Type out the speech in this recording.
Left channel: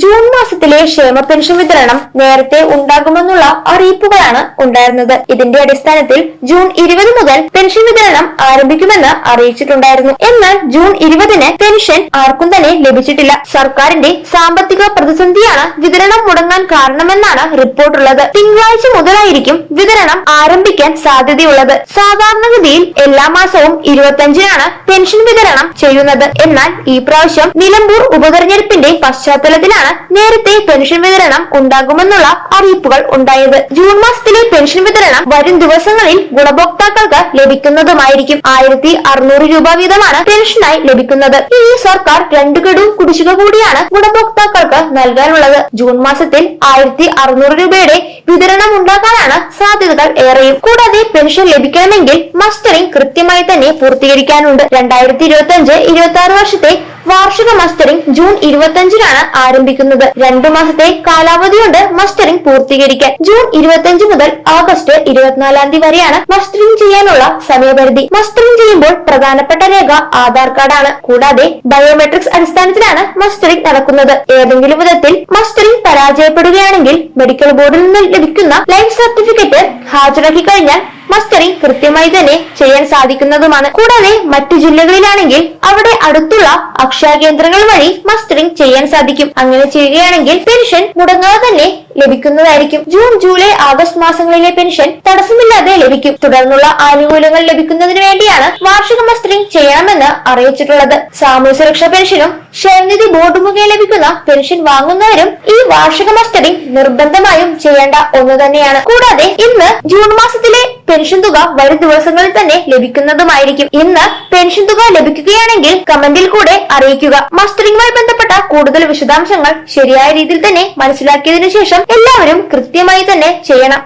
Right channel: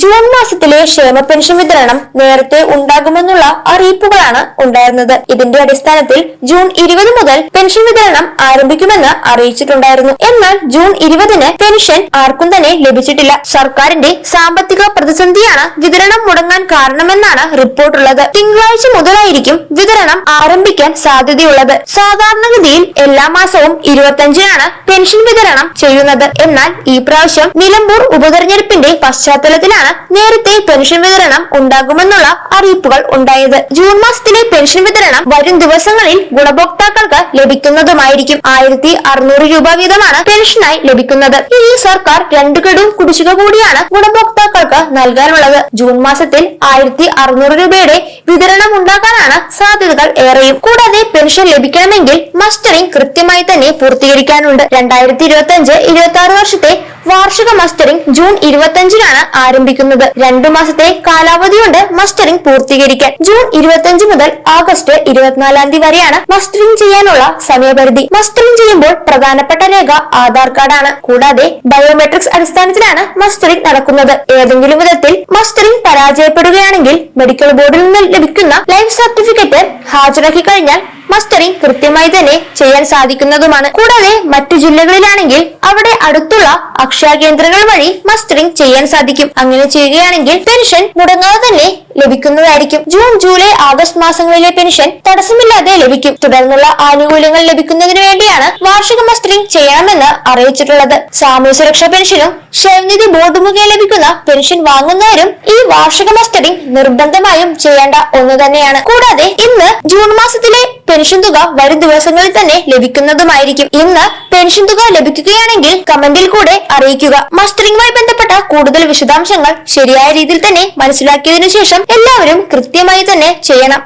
June മാസത്തിലെ ക്ഷേമ pension വിതരണം നേരത്തെ ഉണ്ടാകുമെന്നുള്ള അറിയിപ്പുകളാണ് ഉണ്ടായിരുന്നത്. ഇതിന്റെ അടിസ്ഥാനത്തിൽ ജൂൺ 20 മുതൽ പെൻഷൻ വിതരണം ആരംഭിക്കുമെന്ന് അറിയിച്ചിട്ടുണ്ടായിരുന്നു. എന്നാൽ ജൂൺ 20-ന് പെൻഷൻ ആർക്കും തന്നെ ലഭിച്ചിട്ടില്ല. സർക്കാരിന്റെ സാമ്പത്തിക പ്രതിസന്ധിയാണ് വിതരണം മുടങ്ങാൻ കാരണമെന്നാണ് റിപ്പോർട്ടുള്ളത്. തിങ്കളാഴ്ച മുതലായിരിക്കും വിതരണം ആരംഭിക്കാൻ സാധ്യതയുള്ളത്. സാധാരണഗതിയിൽ എല്ലാ മാസവും 25-നാണ് പെൻഷൻ വിതരണം ചെയ്യുന്നത്. എന്നാൽ ഈ പ്രാവശ്യം നിലമ്പൂർ ഉപതെരഞ്ഞെടുപ്പിന്റെ പശ്ചാത്തലത്തിലാണ് നേരത്തെ പെൻഷൻ വിതരണം ഉണ്ടാകുമെന്നുള്ള അറിയിപ്പുകൾ ഉണ്ടായത്. ജൂൺ മാസത്തിലെ പെൻഷൻ വിതരണം വരും ദിവസങ്ങളിൽ ഗുണഭോക്താക്കൾക്ക് ലഭിക്കുന്നതുമായിരിക്കും. 1600 രൂപ വീതമാണ് പെൻഷനായി ലഭിക്കുന്നത്. ഇനി സർക്കാർ 2 ഗഡു കുടിശ്ശിക കൂടിയാണ് ഗുണഭോക്താക്കൾക്ക് നൽകാനുള്ളത്. ജൂൺ മാസത്തിൽ 1600 രൂപയുടെ വിതരണം ഉണ്ടാകാനാണ് സാധ്യതകൾ ഏറെയും. കൂടാതെ പെൻഷൻ ലഭിക്കണമെങ്കിൽ മസ്റ്ററിംഗ് കൃത്യമായി തന്നെ പൂർത്തീകരിക്കാനുണ്ട്. 2025-26 വർഷത്തെ വാർഷിക മസ്റ്ററിംഗ് ജൂൺ 25-നാണ് ആരംഭിക്കുന്നത്. 2 മാസത്തെ കാലാവധിയുണ്ട് മസ്റ്ററിംഗ് പൂർത്തീകരിക്കാൻ. ജൂൺ 25 മുതൽ ആഗസ്റ്റ് 24 വരെയാണ് മസ്റ്ററിംഗ് ചെയ്യാനുള്ള സമയപരിധി. മസ്റ്ററിംഗ് ചെയ്യുമ്പോൾ പ്രധാനപ്പെട്ട രേഖ ആധാർ കാർഡാണ്. കൂടാതെ ബയോമെട്രിക്സ് അടിസ്ഥാനത്തിലാണ് മസ്റ്ററിംഗ് നടക്കുന്നത്. ഏതെങ്കിലും വിധത്തിൽ മസ്റ്ററിംഗ് പരാജയപ്പെടുകയാണെങ്കിൽ മെഡിക്കൽ ബോർഡിൽ നിന്ന് ലഭിക്കുന്ന ലൈഫ് സർട്ടിഫിക്കറ്റ് ഹാജരാക്കി കഴിഞ്ഞാൽ മസ്റ്ററിംഗ് കൃത്യമായി തന്നെ ചെയ്യാൻ സാധിക്കുന്നതുമാണ്. കൂടാതെ മറ്റു ജില്ലകളിലാണെങ്കിൽ അവിടെ അടുത്തുള്ള അക്ഷയ കേന്ദ്രങ്ങൾ വഴി മസ്റ്ററിംഗ് ചെയ്യാൻ സാധിക്കും. അങ്ങനെ ചെയ്യുകയാണെങ്കിൽ പെൻഷൻ മുടങ്ങാതെ തന്നെ ലഭിക്കുന്നതായിരിക്കും. ജൂൺ, ജൂലൈ, ആഗസ്റ്റ് മാസങ്ങളിലെ പെൻഷൻ തടസ്സമില്ലാതെ ലഭിക്കും. തുടർന്നുള്ള ആനുകൂല്യങ്ങൾ ലഭിക്കുന്നതിന് വേണ്ടിയാണ് വാർഷിക മസ്റ്ററിംഗ് ചെയ്യണമെന്ന് അറിയിച്ചിട്ടുള്ളത്. സാമൂഹ്യ സുരക്ഷാ പെൻഷനും ക്ഷേമനിധി ബോർഡ് മുഖേന ലഭിക്കുന്ന പെൻഷൻ വാങ്ങുന്നവരും ഈ വാർഷിക മസ്റ്ററിംഗ് നിർബന്ധമായും ചെയ്യേണ്ട ഒന്ന് തന്നെയാണ്. കൂടാതെ ഇന്ന് ജൂൺ മാസത്തിലെ പെൻഷൻ തുക വരും ദിവസങ്ങളിൽ തന്നെ ലഭിക്കുന്നതുമായിരിക്കും. ഇന്ന് പെൻഷൻ തുക ലഭിക്കുകയാണെങ്കിൽ കമന്റിൽ കൂടെ അറിയിക്കുക. മസ്റ്ററിംഗുമായി ബന്ധപ്പെട്ട കൂടുതൽ വിശദാംശങ്ങൾ ശരിയായ രീതിയിൽ തന്നെ മനസ്സിലാക്കിയതിനു ശേഷം എല്ലാവരും കൃത്യമായി തന്നെ ചെയ്യണം.